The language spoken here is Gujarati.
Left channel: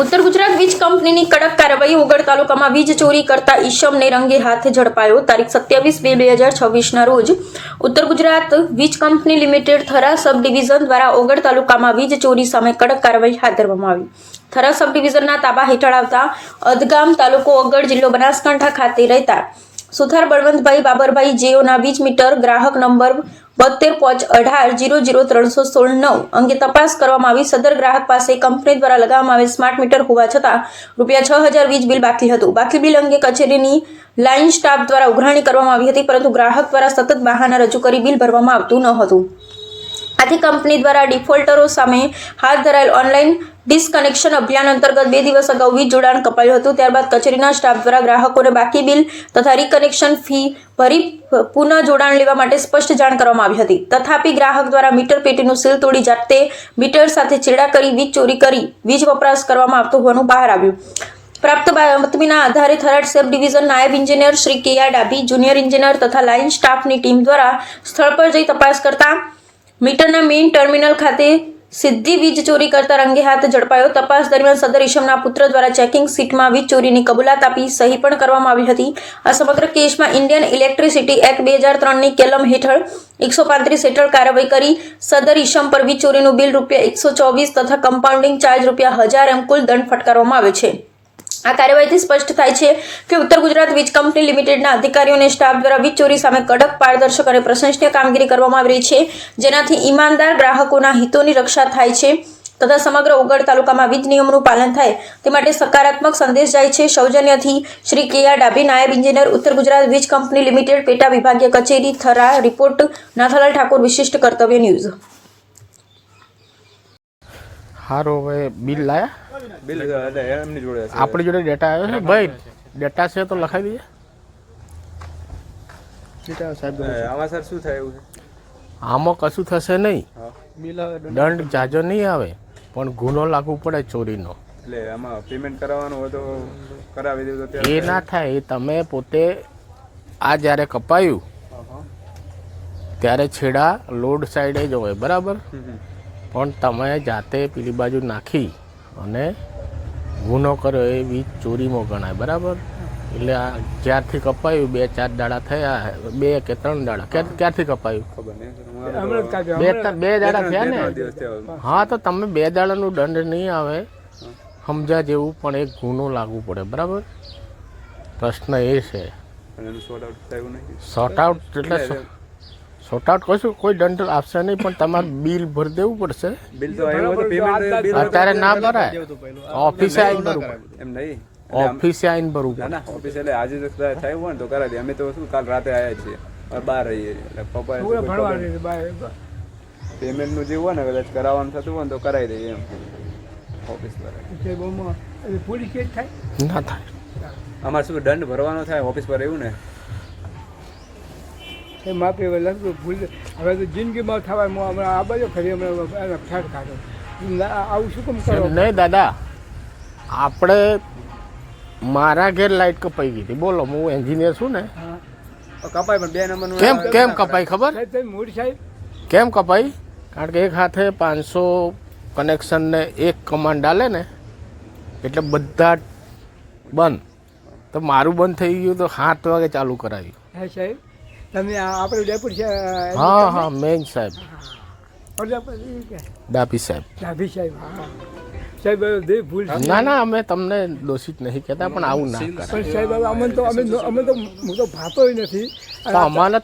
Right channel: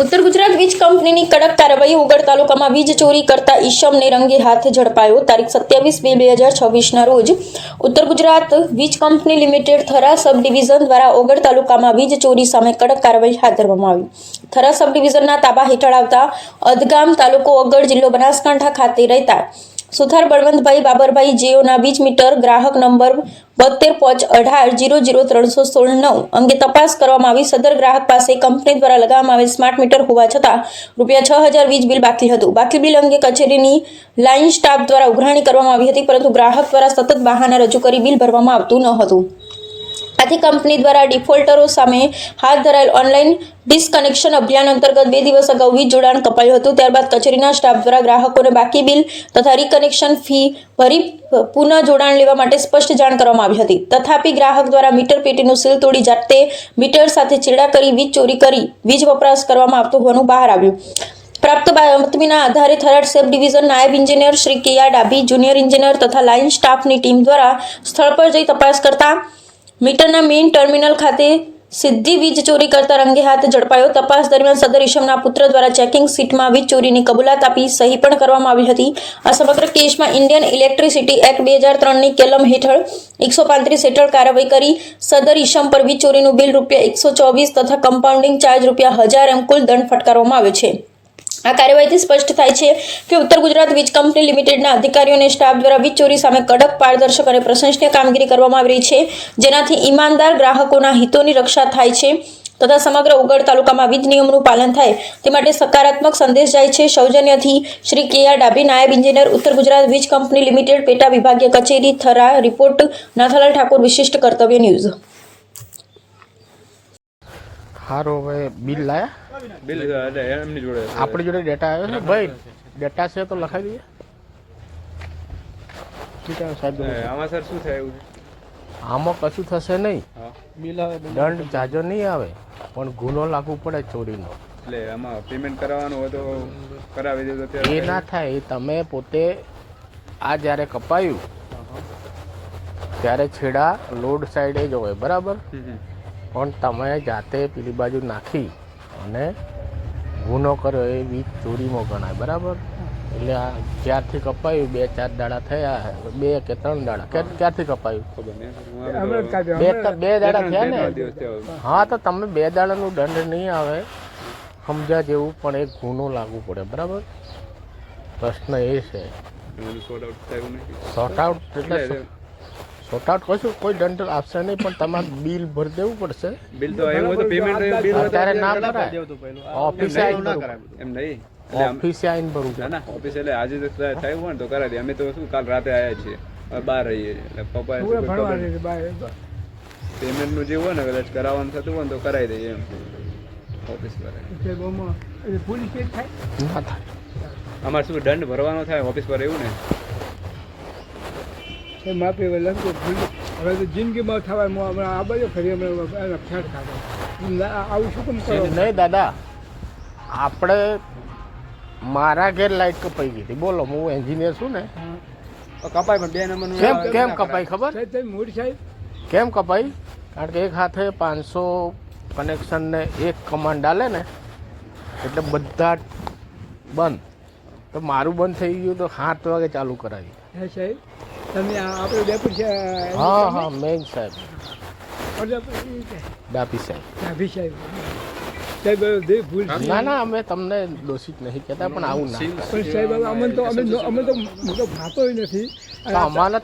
ઉત્તર ગુજરાત વીજ કંપનીની કડક કાર્યવાહી ઉગડ તાલુકામાં વીજ ચોરી કરતા ઈશમને રંગે હાથે ઝડપાયો. તારીખ 27/2/2024ના રોજ ઉત્તર ગુજરાત વીજ કંપની લિમિટેડ થરા સબ ડિવિઝન દ્વારા ઓગડ તાલુકામાં વીજ ચોરી સામે કડક કાર્યવાહી હાથ ધરવામાં આવી. થરા સબ ડિવિઝનના તાબા હેઠળ આવતા અધગામ તાલુકો ઓગડ જિલ્લો બનાસકાંઠા ખાતે રહેતા સુથાર બળવંતભાઈ બાબરભાઈ જેઓના વીજ મીટર ગ્રાહક નંબર 72.18.000316 અંગે તપાસ કરવામાં આવી. સદર ગ્રાહક પાસે કંપની દ્વારા લગાવવામાં આવેલ સ્માર્ટ મીટર હોવા છતાં ₹6,000 વીજ બિલ બાકી હતું. બાકી બિલ અંગે કચેરીની લાઇન સ્ટાફ દ્વારા ઉઘરાણી કરવામાં આવી હતી, પરંતુ ગ્રાહક દ્વારા સતત બહાના રજૂ કરી બિલ ભરવામાં આવતું ન હતું. આથી કંપની દ્વારા ડિફોલ્ટરો સામે હાથ ધરાયેલ ઓનલાઈન ડિસકનેક્શન અભિયાન અંતર્ગત 2 દિવસ અગાઉ વીજ જોડાણ કપાયું હતું. ત્યારબાદ કચેરીના સ્ટાફ દ્વારા ગ્રાહકોને બાકી બિલ તથા રીકનેક્શન ફી ભરી પુનઃ જોડાણ લેવા માટે સ્પષ્ટ જાણ કરવામાં આવી હતી. તથાપી ગ્રાહક દ્વારા મીટર પેટીનું સીલ તોડી જાતે મીટર સાથે ચેડા કરી વીજ ચોરી કરી વીજ વપરાશ કરવામાં આવતો હોવાનું બહાર આવ્યું. પ્રાપ્ત બાતમીના આધારે થરાદ સબ ડિવિઝન નાયબ ઇજનેર શ્રી કે.આર. ડાભી, જુનિયર ઇજનેર તથા લાઇન સ્ટાફની ટીમ દ્વારા સ્થળ પર જઈ તપાસ કરતા મીટરના મેઇન ટર્મિનલ ખાતે સીધી વીજ ચોરી કરતા રંગે હાથ ઝડપાયો. તપાસ દરમિયાન સદર ઈશમના પુત્ર દ્વારા ચેકિંગ સીટમાં વીજ ચોરીની કબૂલાત આપી સહી પણ કરવામાં આવી હતી. આ સમગ્ર કેસમાં ઇન્ડિયન ઇલેક્ટ્રિસિટી એક્ટ 2003ની કલમ હેઠળ 135 હેઠળ કાર્યવાહી કરી સદર ઈશમ પર વીજ ચોરીનું બિલ ₹124 તથા કમ્પાઉન્ડિંગ ચાર્જ ₹1000 એમ કુલ દંડ ફટકારવામાં આવે છે. આ કાર્યવાહીથી સ્પષ્ટ થાય છે કે ઉત્તર ગુજરાત વીજ કંપની લિમિટેડના અધિકારીઓ અને સ્ટાફ દ્વારા વીજ ચોરી સામે કડક, પારદર્શક અને પ્રશંસનીય કામગીરી કરવામાં આવી રહી છે, જેનાથી ઈમાનદાર ગ્રાહકોના હિતોની રક્ષા થાય છે તથા સમગ્ર ઉગડ તાલુકામાં વીજ નિયમોનું પાલન થાય તે માટે સકારાત્મક સંદેશ જાય છે. સૌજન્યથી શ્રી કે.આર. ડાભી, નાયબ ઇજનેર, ઉત્તર ગુજરાત વીજ કંપની લિમિટેડ, પેટા વિભાગીય કચેરી, થરા. રિપોર્ટ નાથાલાલ ઠાકોર, વિશિષ્ટ કર્તવ્ય ન્યૂઝ. સારું, હવે બિલ લાયા? બિલ એમની જોડે છે. આપણી જોડે ડેટા આવ્યો છે ભાઈ? ડેટા છે તો લખાવી દઈએ. ઠીક છે સાહેબ. આમાં સર શું થાય એવું છે? આમાં કશું થશે નહીં, બિલ દંડ જાજો નહીં આવે, પણ ગુનો લાગુ પડે ચોરીનો. એટલે આમાં પેમેન્ટ કરાવવાનું હોય તો કરાવી દે તો એ ના થાય. એ તમે પોતે આ જ્યારે કપાયું ત્યારે છેડા લોડ સાઈડે જ હોય, બરાબર, પણ તમે જાતે પેલી બાજુ નાખી અને ગુનો કર્યો એ વીજ ચોરીમાં ગણાય, બરાબર. એટલે આ જ્યારથી કપાયું 2-4 દાડા થયા, 2 કે 3 દાડા, ક્યારથી કપાયું ખબર નહીં. બે દાડા થયા ને? હા, તો તમે 2 દાડાનું દંડ નહીં આવે સમજ્યા જેવું, પણ એક ગુનો લાગુ પડે, બરાબર. પ્રશ્ન એ છે શોર્ટ આઉટ એટલે શોર્ટ આઉટ કશું કોઈ દંડ આપશે નહીં, પણ તમારે બિલ ભરી દેવું પડશે. બિલ તો આવ્યું તો પેમેન્ટ બિલ અત્યારે ના ભરાય, ઓફિસે આવીને ભરવું. એમ નહીં, ઓફિસે આવીને ભરવું. ના ઓફિસ એટલે આજે થયું હોય ને તો કરાવી દે. અમે તો શું કાલ રાતે આવ્યા છીએ, બહાર રહીએ એટલે પપ્પા પેમેન્ટ નું જે હોય ને કદાચ કરાવવાનું થતું હોય ને તો કરાવી દઈએ એમ ઓફિસ પર. ના થાય. અમારે શું દંડ ભરવાનો થાય ઓફિસ પર, એવું ને? માપી હવે તો જિંદગીમાં થવાય. હમણાં આ બાજુ ખરી હમણાં ફેટ કાઢો આવું શું કેમ કરો? નહીં દાદા, આપણે મારા ઘેર લાઈટ કપાઈ ગઈ હતી, બોલો, હું એન્જિનિયર છું ને. કપાય પણ 2 નંબરનું કેમ કપાઈ ખબર? મોટી સાહેબ કેમ કપાઈ? કારણ કે એક હાથે 500 કનેક્શન ને એક કમાન્ડ આલે ને, એટલે બધા બંધ. તો મારું બંધ થઈ ગયું તો 7 વાગે ચાલુ કરાવી. હા સાહેબ, તમે આપણે ડેપુટ છે? હા, મેન સાહેબ ડાભી સાહેબ. ડાભી સાહેબ, સાહેબ ભૂલ. ના, અમે તમને દોષિત નહીં કહેતા, પણ આવું ના. પણ સાહેબ અમે તો ભાતો નથી. અમારે